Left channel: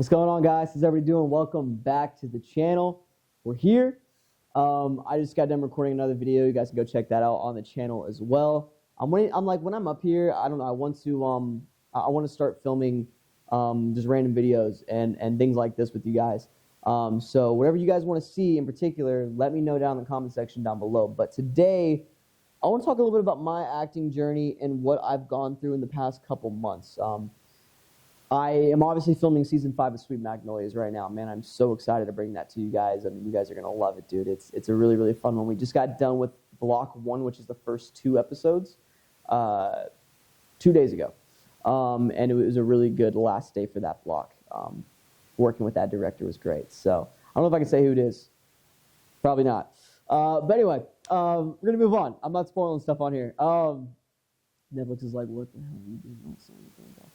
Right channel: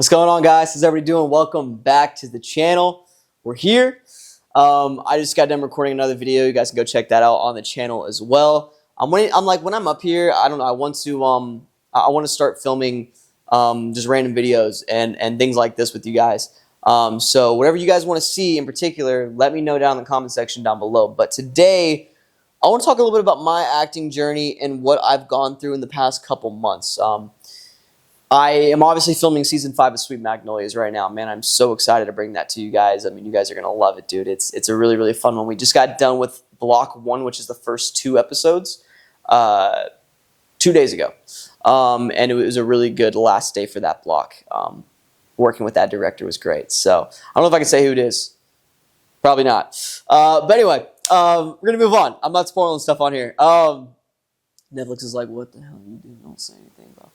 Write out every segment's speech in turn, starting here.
What's going on, guys? How's everybody doing? Welcome back to the channel. We're here. I just got done recording another video. You guys can go check that out on the channel as well. When I'm up here, I don't know. I want to start filming just random videos and things like this with you guys. So whatever you guys want to see in particular, let me know down in the comment section down below. But today, I want to talk a little bit about my acting journey and what I've gone through in the past couple months. I am obviously filming season 5 of Sweet Magnolias right now. Man, I'm so excited to bring that to you guys. I mean, you guys are going to love it, dude. It's a really, really fun one. We just got done with block 1, which is the first 2 episodes, 2 days ago. And it was a really good last day for that block. Working with that director was great. So I don't know if I can say who it is. Probably not. But anyway, we're going to move on. I'm not spoiling stuff on here. Netflix is like, what the hell are you doing? Don't say anything, bro.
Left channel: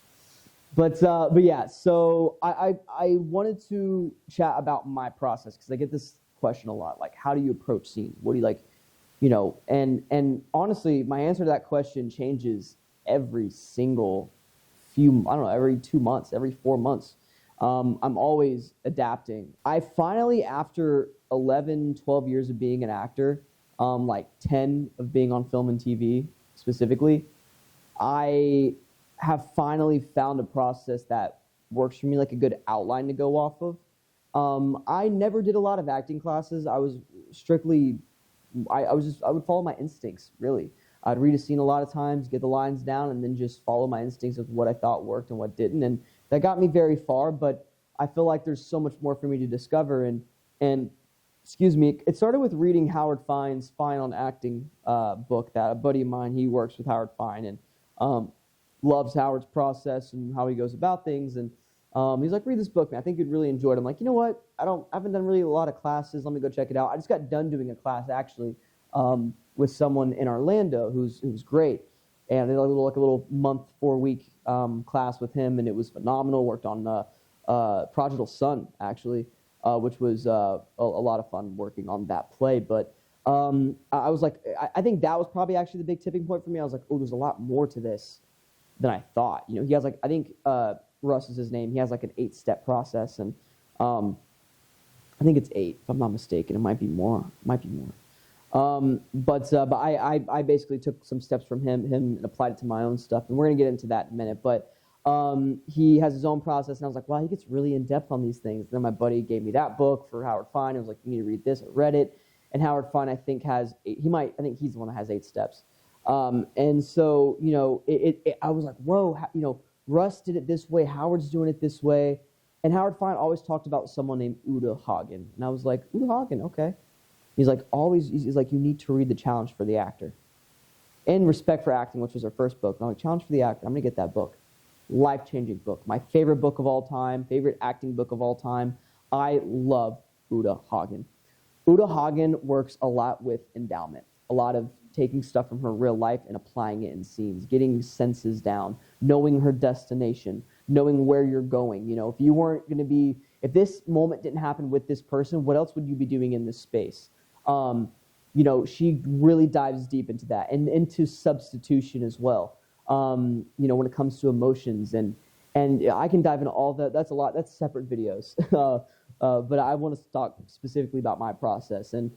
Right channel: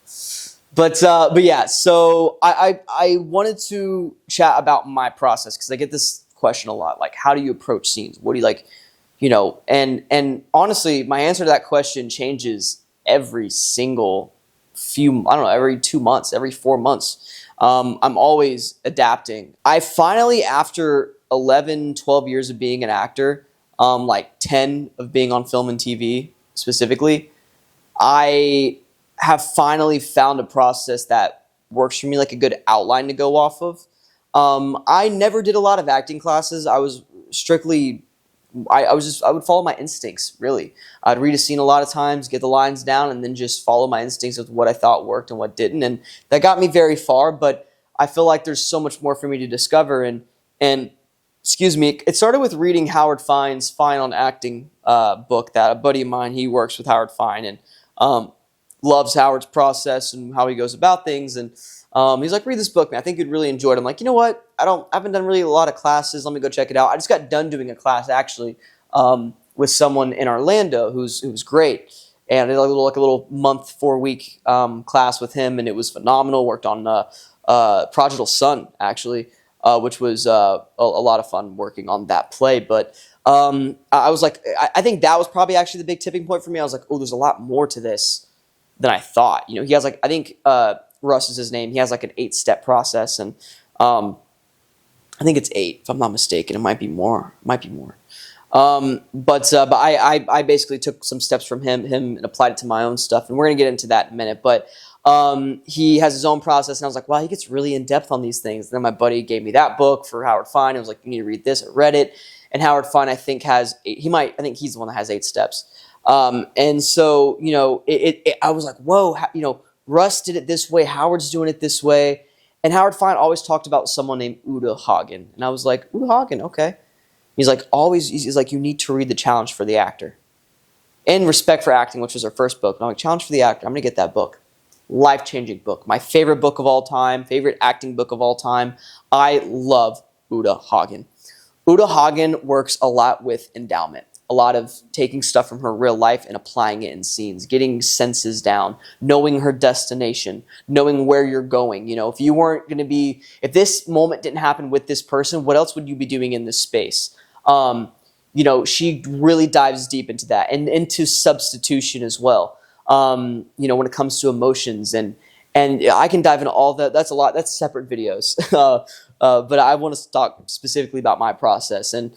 But yeah, so I wanted to chat about my process because I get this question a lot. Like, how do you approach scenes? What do you like, and honestly, my answer to that question changes every single every 2 months, every 4 months. I'm always adapting. I finally, after 11, 12 years of being an actor, like 10 of being on film and TV specifically, I have finally found a process that works for me, like a good outline to go off of. I never did a lot of acting classes. I was strictly, I would follow my instincts, really. I'd read a scene a lot of times, get the lines down, and then just follow my instincts of what I thought worked and what didn't. And that got me very far, but I feel like there's so much more for me to discover. And excuse me, it started with reading Howard Fine's Fine on Acting book that a buddy of mine, he works with Howard Fine, and loves Howard's process and how he goes about things. And he's like, read this book, man. I think you'd really enjoy it. I'm like, you know what? I haven't done really a lot of classes. Let me go check it out. I just got done doing a class actually with someone in Orlando who's great. And I did like a little month, 4-week class with him, and it was phenomenal. Worked on Prodigal Son actually, which was a lot of fun working on that play. But I was like, I think that was probably actually the big tipping point for me. I was like, oh, there's a lot more to this than I thought. He has like, I think Russ is his name. He has like an 8-step process, and I think it's 8 if I'm not mistaken. It might be more. But I basically took some steps from him and applied it to my own stuff, and we're gonna get into that in a minute. But he has his own process, and I was like, wow, he gets really in depth on these things. And then my buddy gave me that book for Howard Fine. I was like, you need to read this. I read it, and Howard Fine I think has 8. I think he's the one that has 8 steps. And so, I was like, whoa, Russ did it this way. Howard's doing it this way. And Howard Fine always talked about someone named Hagen. And I was like, Hagen, okay. He's like, he's like, you need to read The Challenge for the Actor. And Respect for Acting, which was our first book. And I'm like, Challenge for the Actor, I'm going to get that book. Life-changing book. My favorite book of all time. Favorite acting book of all time. I love Uta Hagen. Uta Hagen works a lot with endowment. A lot of taking stuff from her real life and applying it in scenes, getting senses down, knowing her destination, knowing where you're going. If you weren't going to be, if this moment didn't happen with this person, what else would you be doing in this space? She really dives deep into that and into substitution as well. When it comes to emotions and I can dive into all that. That's a lot. That's separate videos. But I want to talk specifically about my process. And,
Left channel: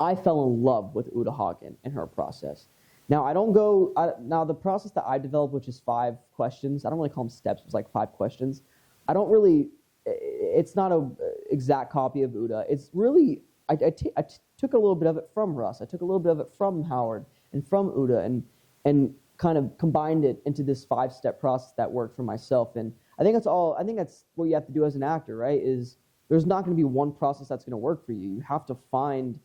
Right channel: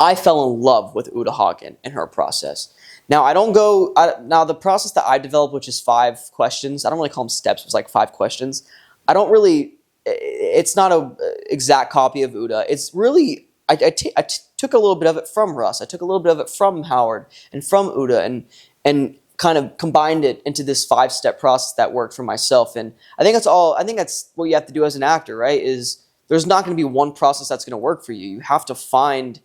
I fell in love with Uta Hagen and her process. Now, now the process that I developed, which is 5 questions, I don't really call them steps, it was like 5 questions. It's not an exact copy of Uta. It's really, I took a little bit of it from Russ. I took a little bit of it from Howard and from Uta and kind of combined it into this 5-step process that worked for myself. And I think that's what you have to do as an actor, right? Is there's not going to be one process that's going to work for you. You have to find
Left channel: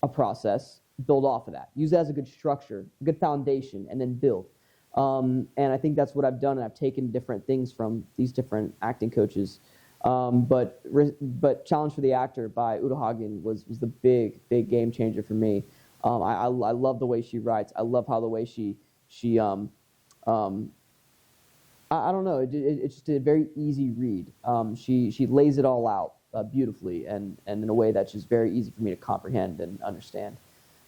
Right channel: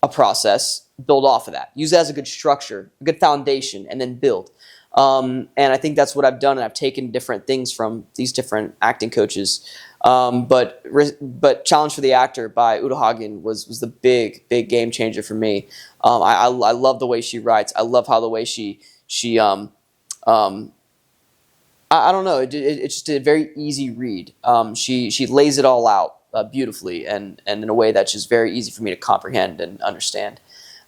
a process, build off of that. Use it as a good structure, a good foundation, and then build. And I think that's what I've done, and I've taken different things from these different acting coaches. But Challenge for the Actor by Uta Hagen was the big game changer for me. I love the way she writes. I love how the way she I don't know. It's just a very easy read. She lays it all out beautifully and in a way that's just very easy for me to comprehend and understand.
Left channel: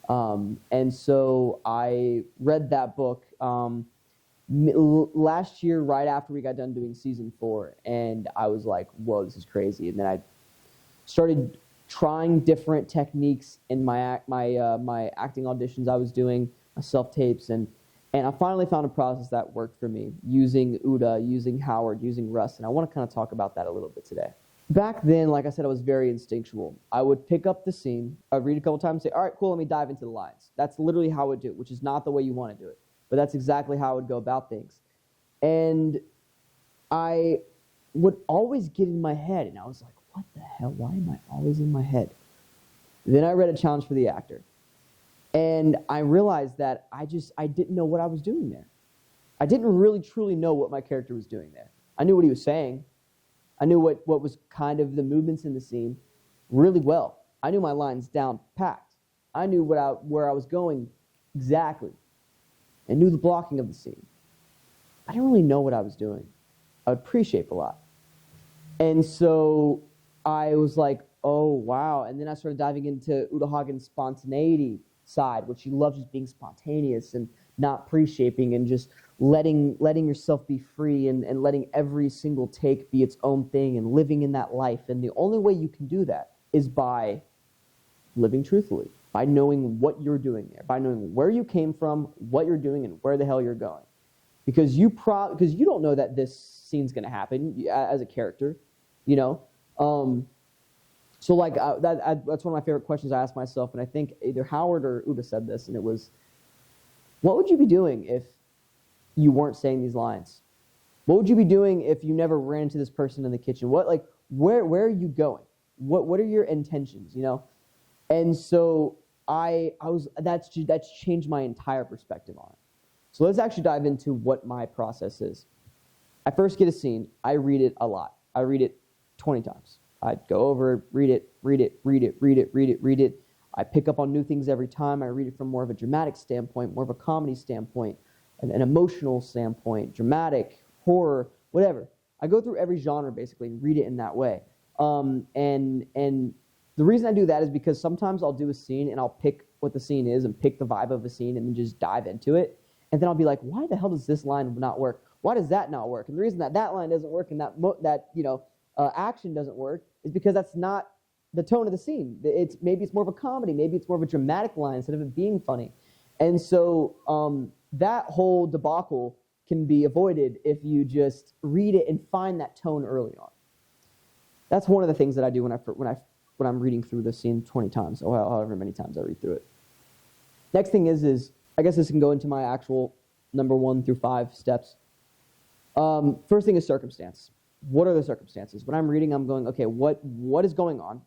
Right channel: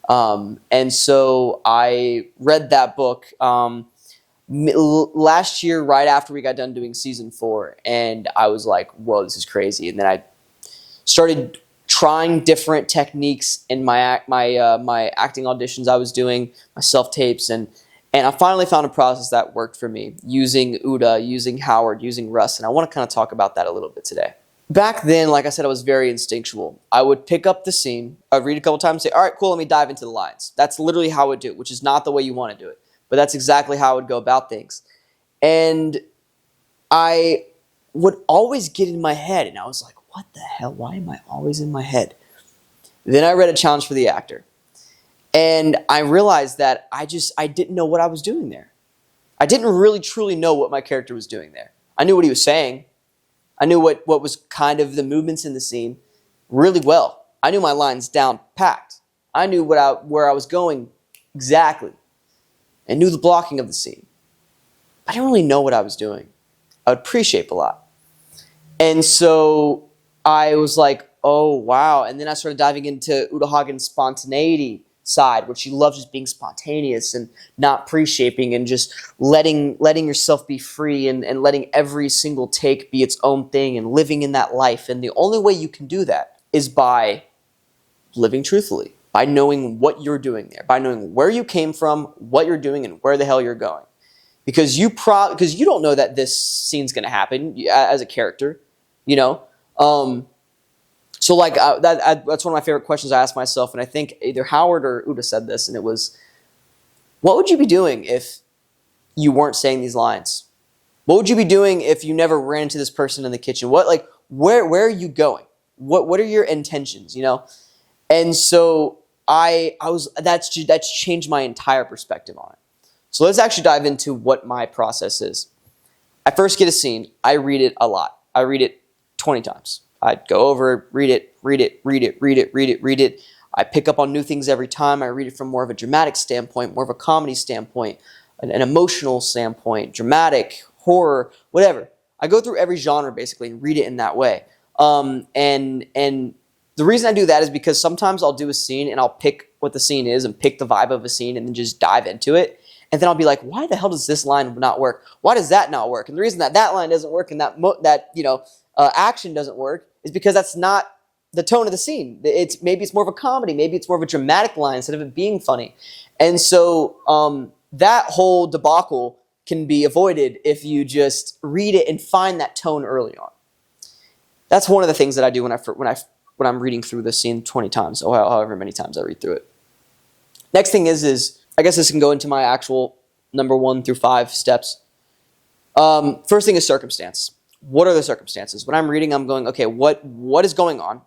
And so I read that book last year, right after we got done doing season 4, and I was like, whoa, this is crazy. And then I started trying different techniques in my acting auditions I was doing, my self-tapes, and I finally found a process that worked for me, using Uda, using Howard, using Russ, and I want to kind of talk about that a little bit today. Back then, like I said, I was very instinctual. I would pick up the scene, I'd read a couple times, say, all right, cool, let me dive into the lines. That's literally how I would do it, which is not the way you want to do it, but that's exactly how I would go about things. And I would always get in my head, and I was like, what the hell? Why am I always in my head? Then I read A Challenge for the Actor. And I realized that I didn't know what I was doing there. I didn't really truly know what my character was doing there. I knew what he was saying. I knew what was kind of the movements in the scene really well. I knew my lines down packed. I knew where I was going exactly. And knew the blocking of the scene. I didn't really know what I was doing. I would pre-shape a lot. And so I was like, oh, wow. And then I started diving into Uda Hagen's spontaneity side, where she loves just being spontaneous and not pre-shaping and just letting yourself be free and letting every single take be its own thing and living in that life. And the only way you can do that is by living truthfully, by knowing what you're doing there, by knowing where you came from, what you're doing, and where the hell you're going. Because you don't know that this scene's going to happen as a character, you know? So like that's one of my favorite questions I ask myself, and I think either Howard or Uda said this, and it was, what would you be doing if you weren't saying these lines? What would you be doing if you never ran into this person in the kitchen? Where are you going? What are your intentions, you know? And so that's changed my entire perspective on it. So let's actually dive into what my process is. I first get a scene, I read it a lot. I read it 20 times. I'd go over, read it. I pick up on new things every time. I read it from more of a dramatic standpoint, more of a comedy standpoint, an emotional standpoint, dramatic, horror, whatever. I go through every genre basically and read it in that way. And the reason I do that is because sometimes I'll do a scene and I'll pick what the scene is and pick the vibe of a scene and then just dive into it. And then I'll be like, why the hell does this line not work? Why does that not work? And the reason that line doesn't work and that action doesn't work is because that's not the tone of the scene. Maybe it's more of a comedy. Maybe it's more of a dramatic line instead of it being funny. And so that whole debacle can be avoided if you just read it and find that tone early on. That's one of the things that I do when I'm reading through the scene 20 times, or however many times I read through it. Next thing is I guess this can go into my actual number 1 through 5 steps. First thing is circumstance. What are the circumstances? When I'm reading, I'm going, okay, what is going on?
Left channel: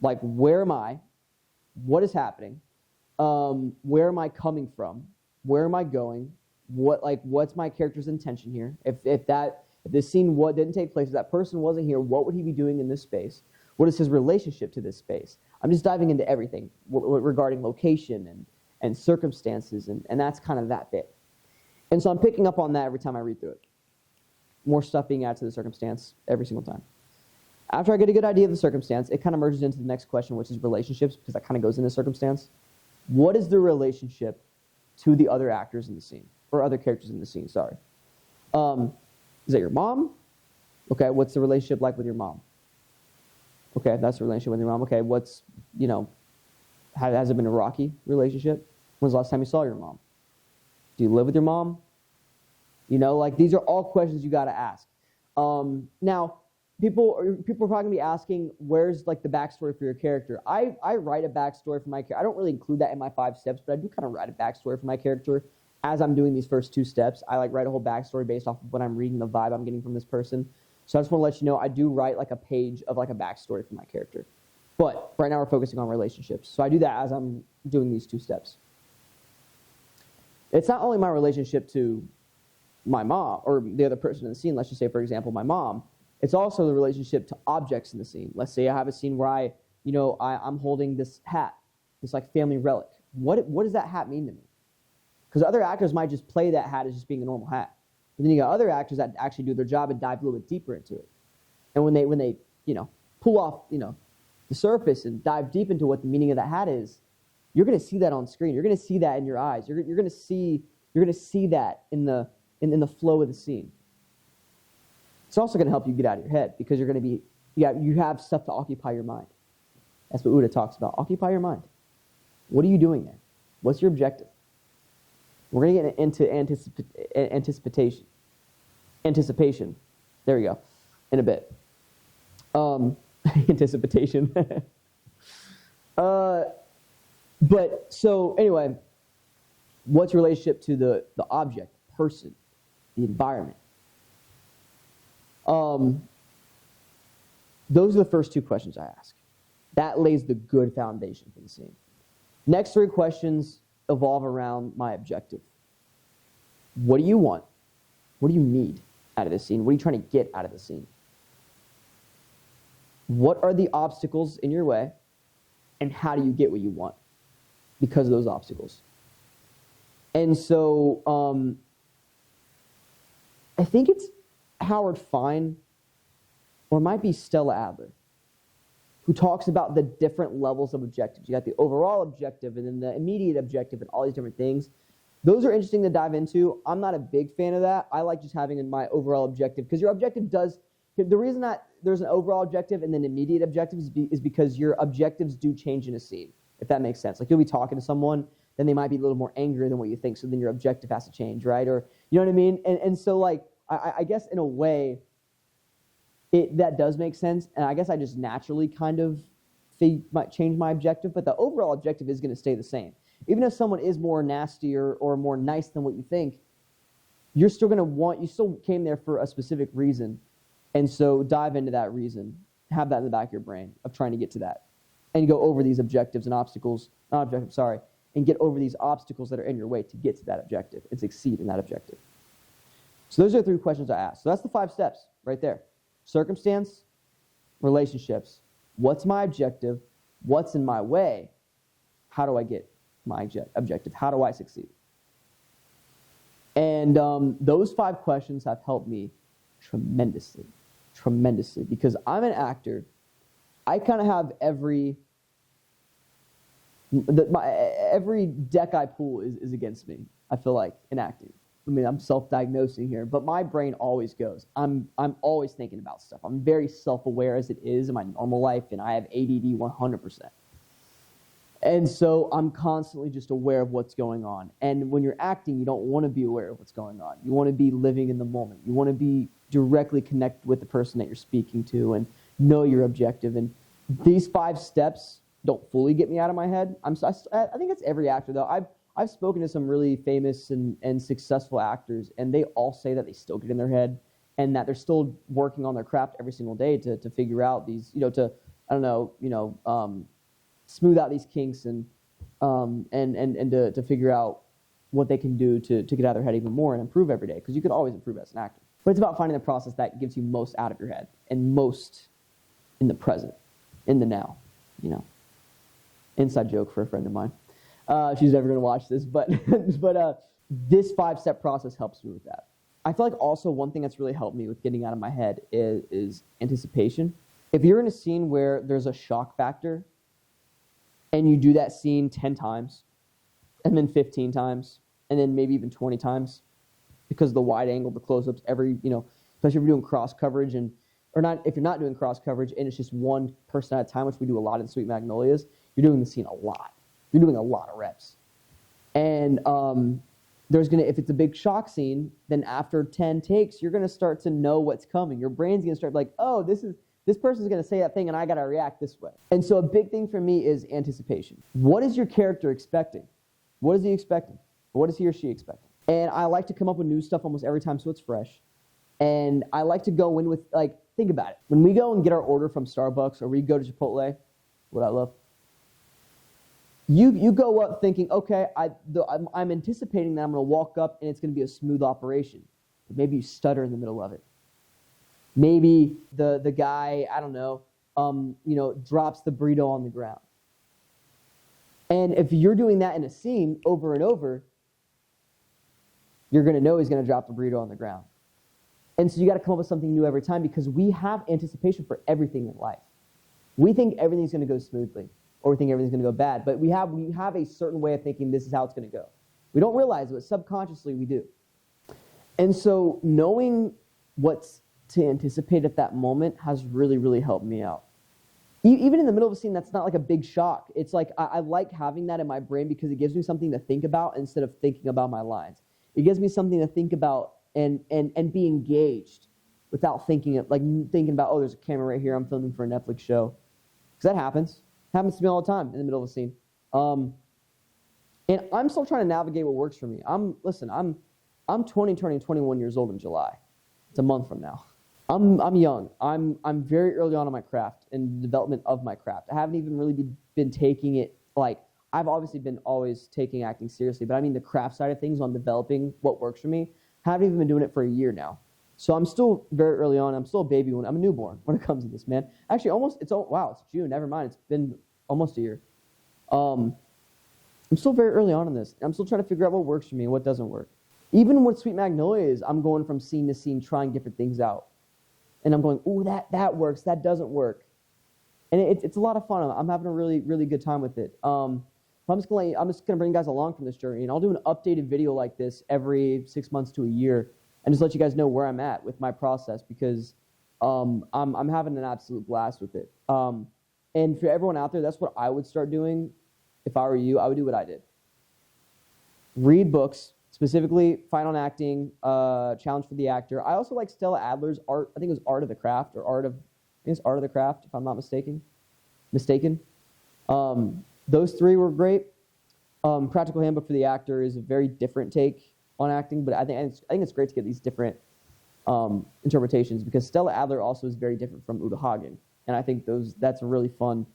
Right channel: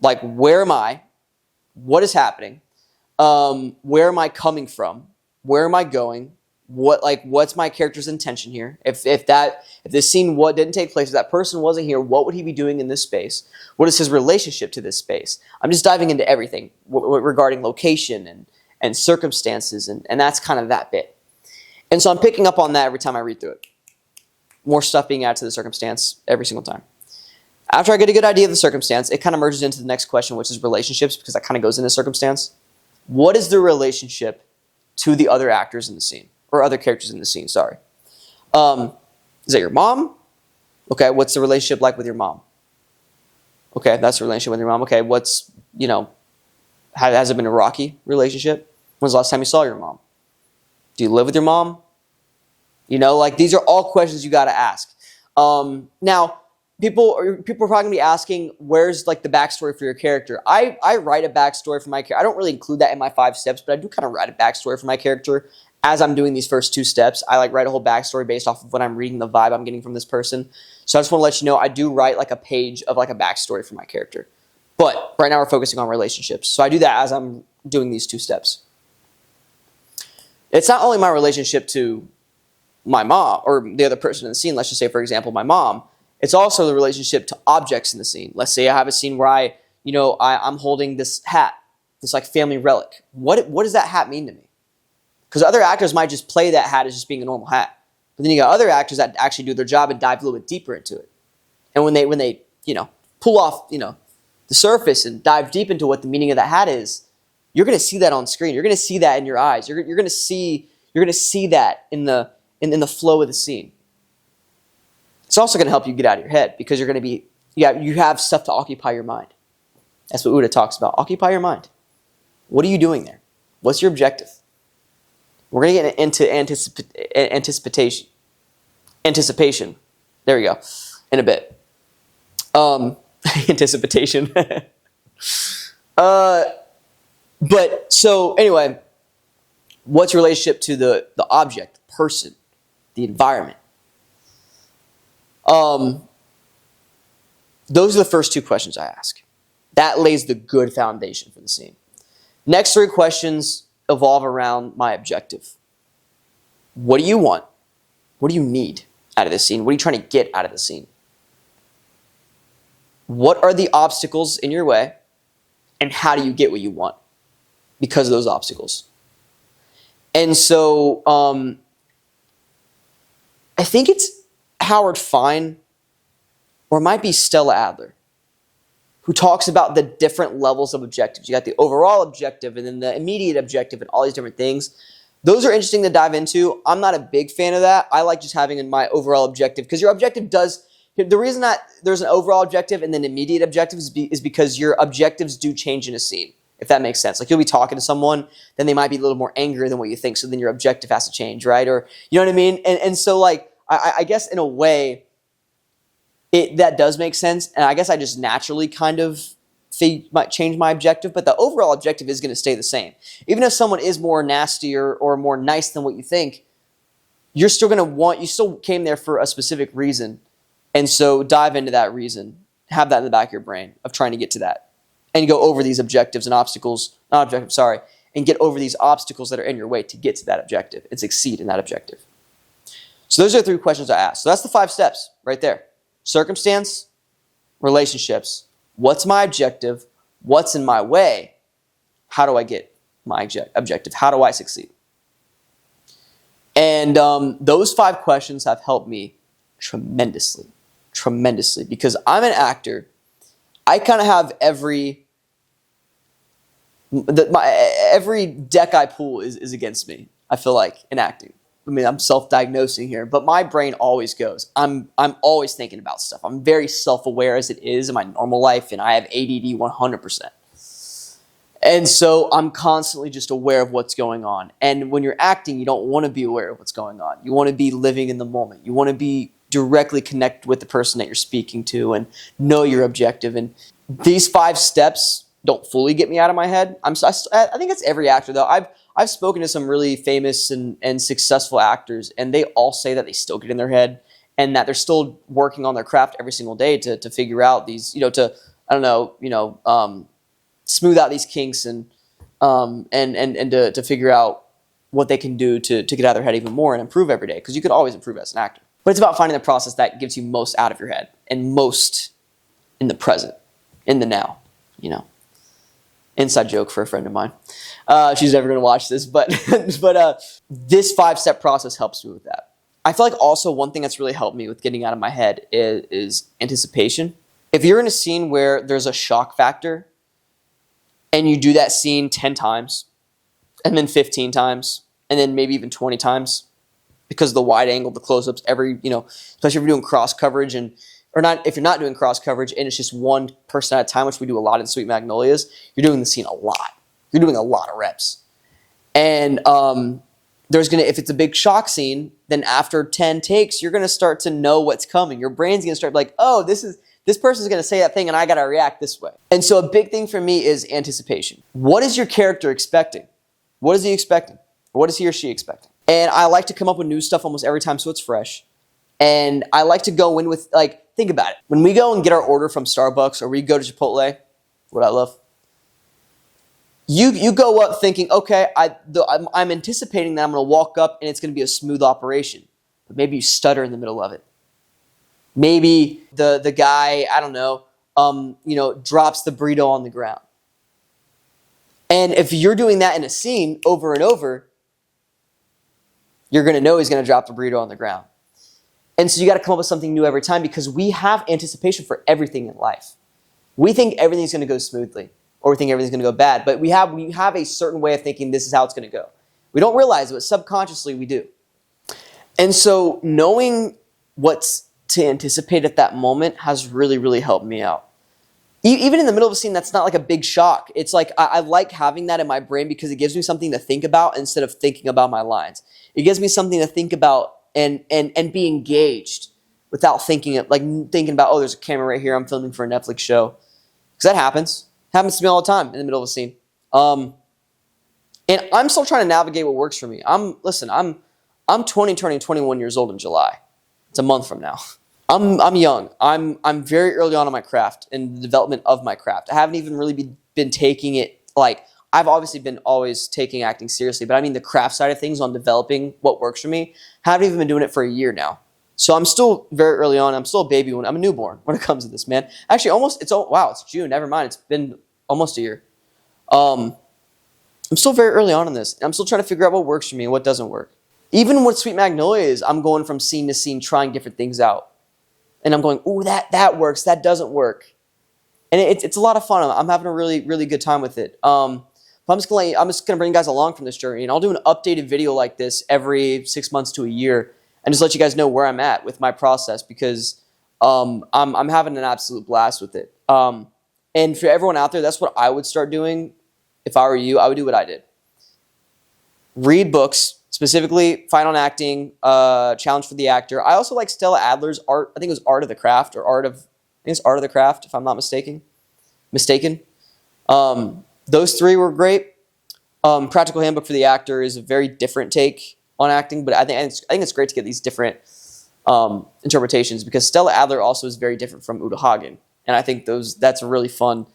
Like, where am I? What is happening? Where am I coming from? Where am I going? What's my character's intention here? If this scene didn't take place, if that person wasn't here, what would he be doing in this space? What is his relationship to this space? I'm just diving into everything regarding location and circumstances, and that's kind of that bit. And so I'm picking up on that every time I read through it. More stuff being added to the circumstance every single time. After I get a good idea of the circumstance, it kind of merges into the next question, which is relationships, because that kind of goes into circumstance. What is the relationship to the other actors in the scene, or other characters in the scene, sorry. Is that your mom? Okay, what's the relationship like with your mom? Okay, that's the relationship with your mom. Okay, has it been a rocky relationship? When's the last time you saw your mom? Do you live with your mom? These are all questions you got to ask. Now, people are probably going to be asking, where's the backstory for your character? I write a backstory for my character. I don't really include that in my 5 steps, but I do kind of write a backstory for my character as I'm doing these first 2 steps. I write a whole backstory based off of what I'm reading, the vibe I'm getting from this person. So I just want to let you know, I do write a page of a backstory for my character. But right now we're focusing on relationships. So I do that as I'm doing these 2 steps. It's not only my relationship to my mom or the other person in the scene. Let's just say, for example, my mom. It's also the relationship to objects in the scene. Let's say I have a scene where I'm holding this hat, this family relic. What does that hat mean to me? Because other actors might just play that hat as just being a normal hat. But then you got other actors that actually do their job and dive a little bit deeper into it. And when they pull off the surface and dive deep into what the meaning of that hat is, you're going to see that on screen. You're going to see that in your eyes. You're going to see You're going to see that in the flow of the scene. It's also going to help you get out of your head because you're going to be, you have stuff to occupy your mind. That's what Uda talks about. Occupy your mind. What are you doing there? What's your objective? We're going to get into anticipation. There we go. In a bit. Anticipation. But so anyway, what's your relationship to the object, the person, the environment? Those are the first two questions I ask. That lays the good foundation for the scene. Next three questions evolve around my objective. What do you want? What do you need out of the scene? What are you trying to get out of the scene? What are the obstacles in your way? And how do you get what you want because of those obstacles? And so I think it's Howard Fine, or it might be Stella Adler, who talks about the different levels of objectives. You got the overall objective and then the immediate objective and all these different things. Those are interesting to dive into. I'm not a big fan of that. I like just having my overall objective because your objective does, the reason that there's an overall objective and then immediate objectives is because your objectives do change in a scene, if that makes sense. Like you'll be talking to someone, then they might be a little more angry than what you think, so then your objective has to change, right? Or, you know what I mean? And so like, I guess in a way, that does make sense, and I guess I just naturally kind of might change my objective, but the overall objective is going to stay the same. Even if someone is more nasty or more nice than what you think, you're still going to want, you still came there for a specific reason, and so dive into that reason. Have that in the back of your brain of trying to get to that, and go over these objectives and obstacles, and get over these obstacles that are in your way to get to that objective and succeed in that objective. So those are the three questions I asked. So that's the 5 steps right there. Circumstance, relationships, what's my objective, what's in my way, how do I get my objective, how do I succeed? And those 5 questions have helped me tremendously, because I'm an actor. I kind of have every deck I pull is against me, I feel like, in acting. I mean, I'm self-diagnosing here, but my brain always goes. I'm always thinking about stuff. I'm very self-aware as it is in my normal life, and I have ADD 100%. And so I'm constantly just aware of what's going on. And when you're acting, you don't want to be aware of what's going on. You want to be living in the moment. You want to be directly connected with the person that you're speaking to and know your objective. And these 5 steps don't fully get me out of my head. I think it's every actor, though. I've spoken to some really famous and successful actors, and they all say that they still get in their head and that they're still working on their craft every single day to figure out these, smooth out these kinks and to figure out what they can do to get out of their head even more and improve every day, because you could always improve as an actor. But it's about finding the process that gives you most out of your head and most in the present, in the now, Inside joke for a friend of mine. She's never going to watch this, but this 5-step process helps me with that. I feel like also one thing that's really helped me with getting out of my head is anticipation. If you're in a scene where there's a shock factor and you do that scene 10 times and then 15 times and then maybe even 20 times because of the wide angle, the close-ups, especially if you're doing cross coverage if you're not doing cross coverage and it's just one person at a time, which we do a lot in Sweet Magnolias, you're doing the scene a lot. You're doing a lot of reps. And if it's a big shock scene, then after 10 takes, you're gonna start to know what's coming. Your brain's gonna start like, oh, this person's gonna say that thing and I gotta react this way. And so a big thing for me is anticipation. What is your character expecting? What is he expecting? What is he or she expecting? And I like to come up with new stuff almost every time so it's fresh. And I like to go in with, think about it. When we go and get our order from Starbucks or we go to Chipotle, what I love, you go up thinking, okay, I'm anticipating that I'm going to walk up and it's going to be a smooth operation. But maybe you stutter in the middle of it. Maybe the guy, drops the burrito on the ground. And if you're doing that in a scene over and over, you're going to know he's going to drop the burrito on the ground. And so you got to come up with something new every time because we have anticipation for everything in life. We think everything's going to go smoothly or we think everything's going to go bad, but we have a certain way of thinking this is how it's going to go. We don't realize it, but subconsciously we do. And so knowing what's to anticipate at that moment has really, really helped me out. Even in the middle of a scene, that's not like a big shock. It's like I like having that in my brain because it gives me something to think about instead of thinking about my lines. It gives me something to think about and be engaged without thinking about, oh, there's a camera right here, I'm filming for a Netflix show. Because that happens. It happens to me all the time in the middle of a scene. And I'm still trying to navigate what works for me. I'm 20 turning 21 years old in July. It's a month from now. I'm young. I'm very early on in my craft and the development of my craft. I haven't even really been taking it like, I've obviously been always taking acting seriously, but I mean the craft side of things on developing what works for me. Haven't even been doing it for a year now. So I'm still very early on. I'm still a baby. I'm a newborn when it comes to this, man. Actually, it's June. Never mind. It's been almost a year. I'm still very early on in this. I'm still trying to figure out what works for me and what doesn't work. Even with Sweet Magnolias, I'm going from scene to scene, trying different things out. And I'm going, ooh, that works. That doesn't work. And it's a lot of fun. I'm having a really, really good time with it. I'm just gonna bring you guys along from this journey, and I'll do an updated video like this every 6 months to a year, and just let you guys know where I'm at with my process, because I'm having an absolute blast with it. And for everyone out there, that's what I would start doing. If I were you, I would do what I did. Read books, specifically Fine on Acting, Challenge for the Actor. I also like Stella Adler's art. I think it was Art of the Craft, or Art of the Craft, if I'm not mistaken. Those three were great. Practical Handbook for the Actor is a very different take on acting, but I think it's great to get these different interpretations, because Stella Adler also is very different from Hagen, and I think that's really fun.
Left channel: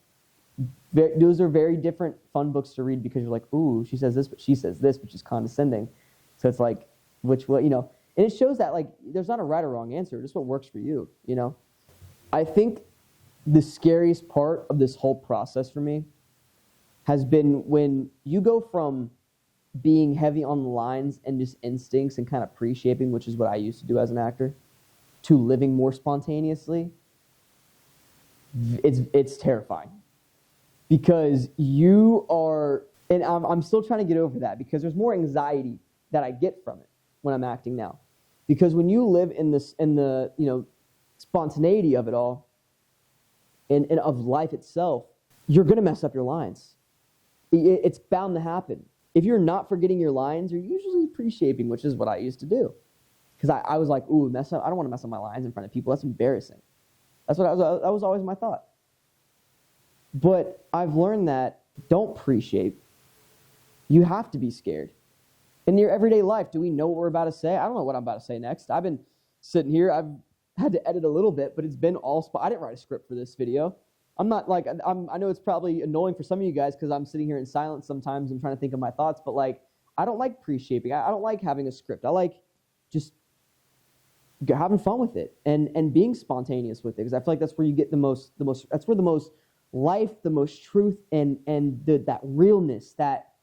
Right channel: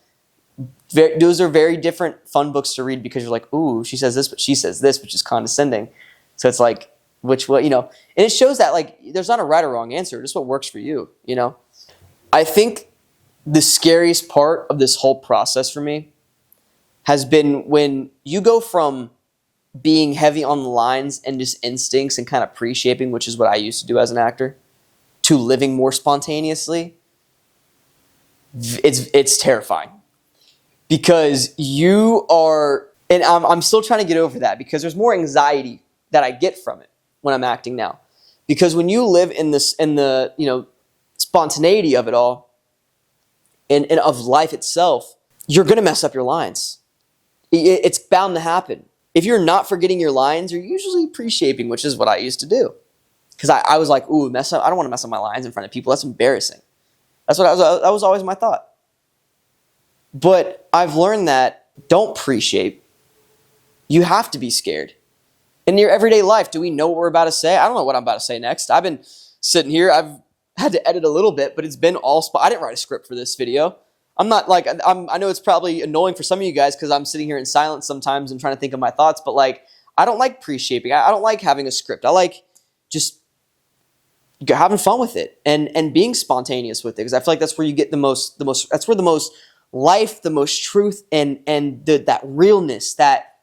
Those are very different, fun books to read, because you're like, ooh, she says this, but she says this, which is condescending. So it's like, and it shows that like there's not a right or wrong answer, just what works for you. I think the scariest part of this whole process for me has been when you go from being heavy on the lines and just instincts and kind of pre-shaping, which is what I used to do as an actor, to living more spontaneously. It's terrifying, because you are, and I'm still trying to get over that, because there's more anxiety that I get from it when I'm acting now, because when you live in the spontaneity of it all and of life itself, you're gonna mess up your lines. It's bound to happen. If you're not forgetting your lines, you're usually pre-shaping, which is what I used to do. Because I was like, ooh, mess up. I don't want to mess up my lines in front of people. That's embarrassing. That was always my thought. But I've learned that don't pre-shape. You have to be scared. In your everyday life, do we know what we're about to say? I don't know what I'm about to say next. I've been sitting here. I've had to edit a little bit, but it's been all I didn't write a script for this video. I'm not like, I know it's probably annoying for some of you guys because I'm sitting here in silence sometimes and trying to think of my thoughts, but like, I don't like pre-shaping. I don't like having a script. I like just having fun with it and being spontaneous with it, because I feel like that's where you get that's where the most life, the most truth, and that realness, that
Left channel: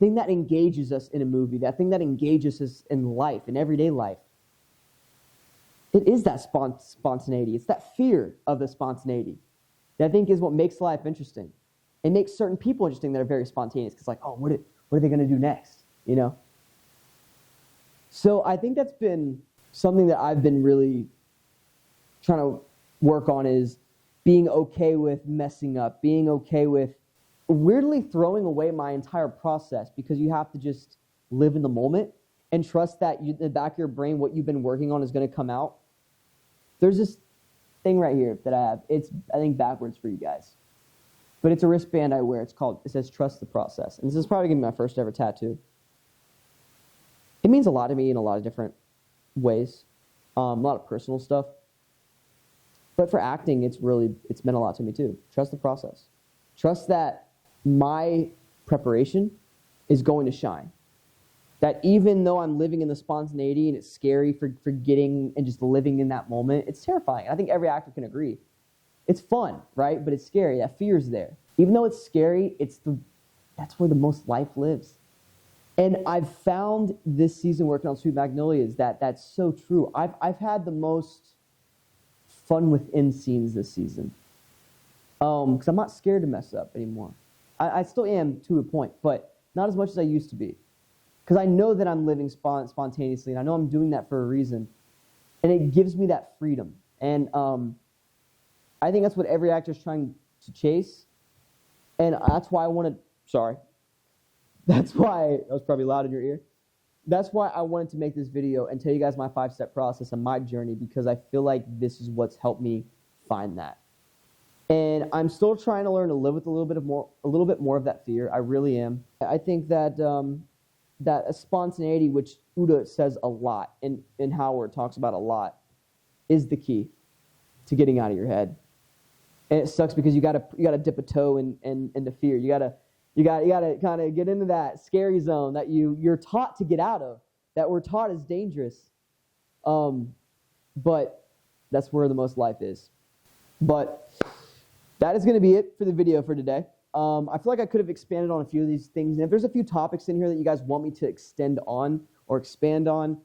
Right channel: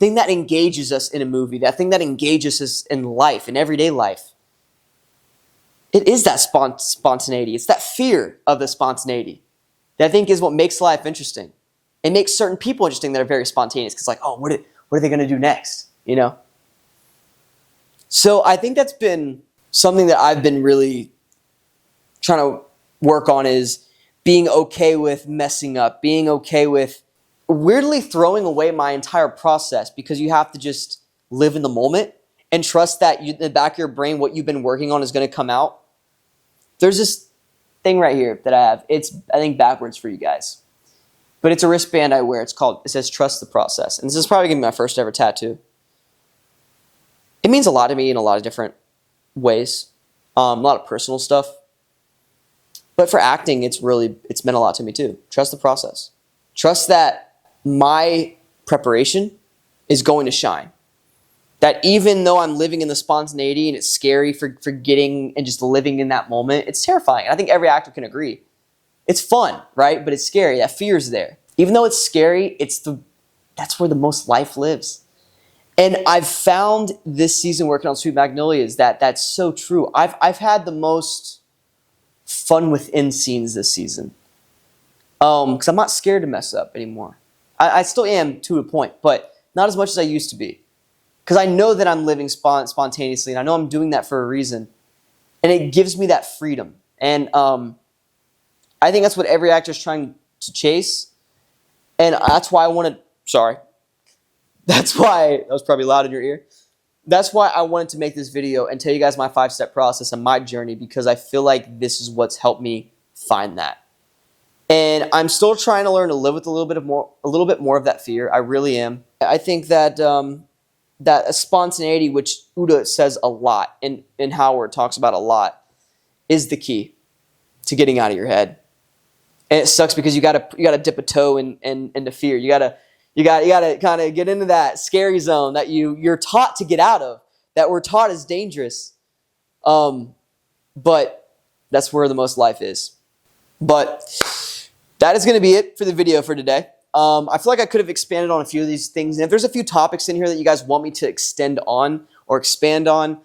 thing that engages us in a movie, that thing that engages us in life, in everyday life. It is that spontaneity. It's that fear of the spontaneity that I think is what makes life interesting. It makes certain people interesting that are very spontaneous, because like, oh, what are they going to do next? So I think that's been something that I've been really trying to work on, is being okay with messing up, being okay with weirdly throwing away my entire process, because you have to just live in the moment and trust that in the back of your brain, what you've been working on is going to come out. There's this thing right here that I have. It's, I think, backwards for you guys, but it's a wristband I wear. It says trust the process. And this is probably going to be my first ever tattoo. It means a lot to me in a lot of different ways. A lot of personal stuff. But for acting, it's meant a lot to me too. Trust the process. Trust that my preparation is going to shine. That even though I'm living in the spontaneity and it's scary for forgetting and just living in that moment, it's terrifying. I think every actor can agree. It's fun, right? But it's scary. That fear's there. Even though it's scary, that's where the most life lives. And I've found this season working on Sweet Magnolias that's so true. I've had the most fun within scenes this season. Because I'm not scared to mess up anymore. I still am to a point, but not as much as I used to be. because I know that I'm living spontaneously, and I know I'm doing that for a reason, and it gives me that freedom. And I think that's what every actor is trying to chase, and that's why I wanted. Sorry, that's why that was probably loud in your ear. That's why I wanted to make this video and tell you guys my 5-step process and my journey, because I feel like this is what's helped me find that. And I'm still trying to learn to live with a little bit more of that fear. I really am. I think that that spontaneity, which Uda says a lot, and Howard talks about a lot, is the key to getting out of your head. And it sucks because you gotta dip a toe into fear. You gotta kind of get into that scary zone that you're taught to get out of, that we're taught is dangerous. But that's where the most life is. But that is going to be it for the video for today. I feel like I could have expanded on a few of these things. And if there's a few topics in here that you guys want me to extend on or expand on,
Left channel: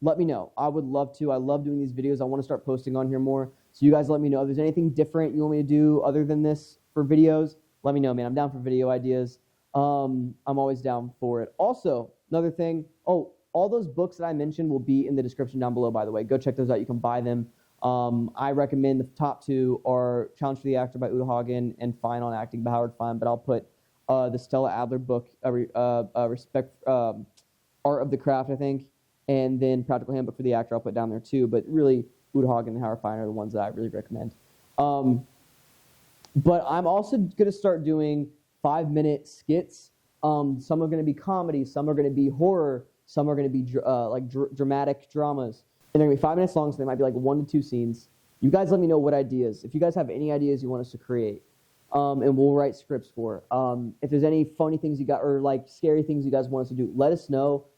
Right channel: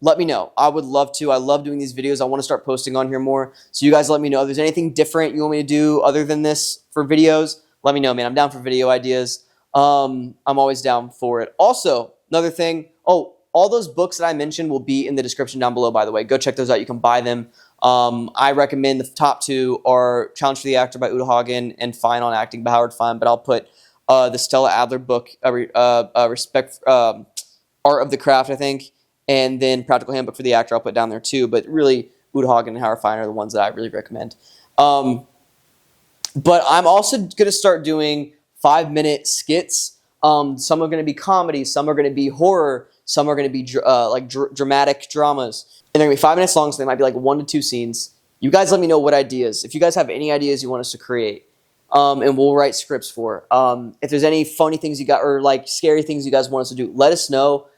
let me know. I would love to. I love doing these videos. I want to start posting on here more. So you guys let me know if there's anything different you want me to do other than this for videos. Let me know, man. I'm down for video ideas. I'm always down for it. Also, another thing. Oh, all those books that I mentioned will be in the description down below, by the way. Go check those out. You can buy them. I recommend the top 2 are Challenge for the Actor by Uda Hagen and Fine on Acting by Howard Fine. But I'll put the Stella Adler book, Art of the Craft, I think, and then Practical Handbook for the Actor I'll put down there too. But really, Uda Hagen and Howard Fine are the ones that I really recommend. But I'm also going to start doing 5-minute skits. Some are going to be comedy. Some are going to be horror. Some are going to be dramatic dramas. And they're going to be 5 minutes long, so they might be like 1 to 2 scenes. You guys let me know what ideas. If you guys have any ideas you want us to create, and we'll write scripts for. If there's any funny things you got or like scary things you guys want us to do, let us know.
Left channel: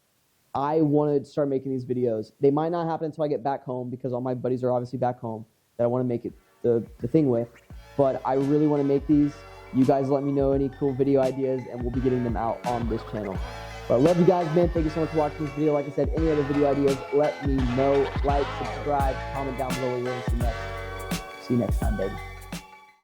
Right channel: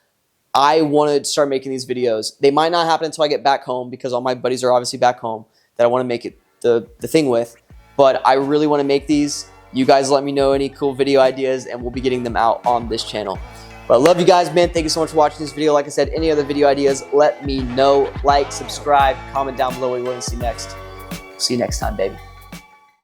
I want to start making these videos. They might not happen until I get back home because all my buddies are obviously back home that I want to make it the thing with. But I really want to make these. You guys let me know any cool video ideas, and we'll be getting them out on this channel. But I love you guys, man. Thank you so much for watching this video. Like I said, any other video ideas, let me know. Like, subscribe, comment down below what you want to see next. See you next time, baby.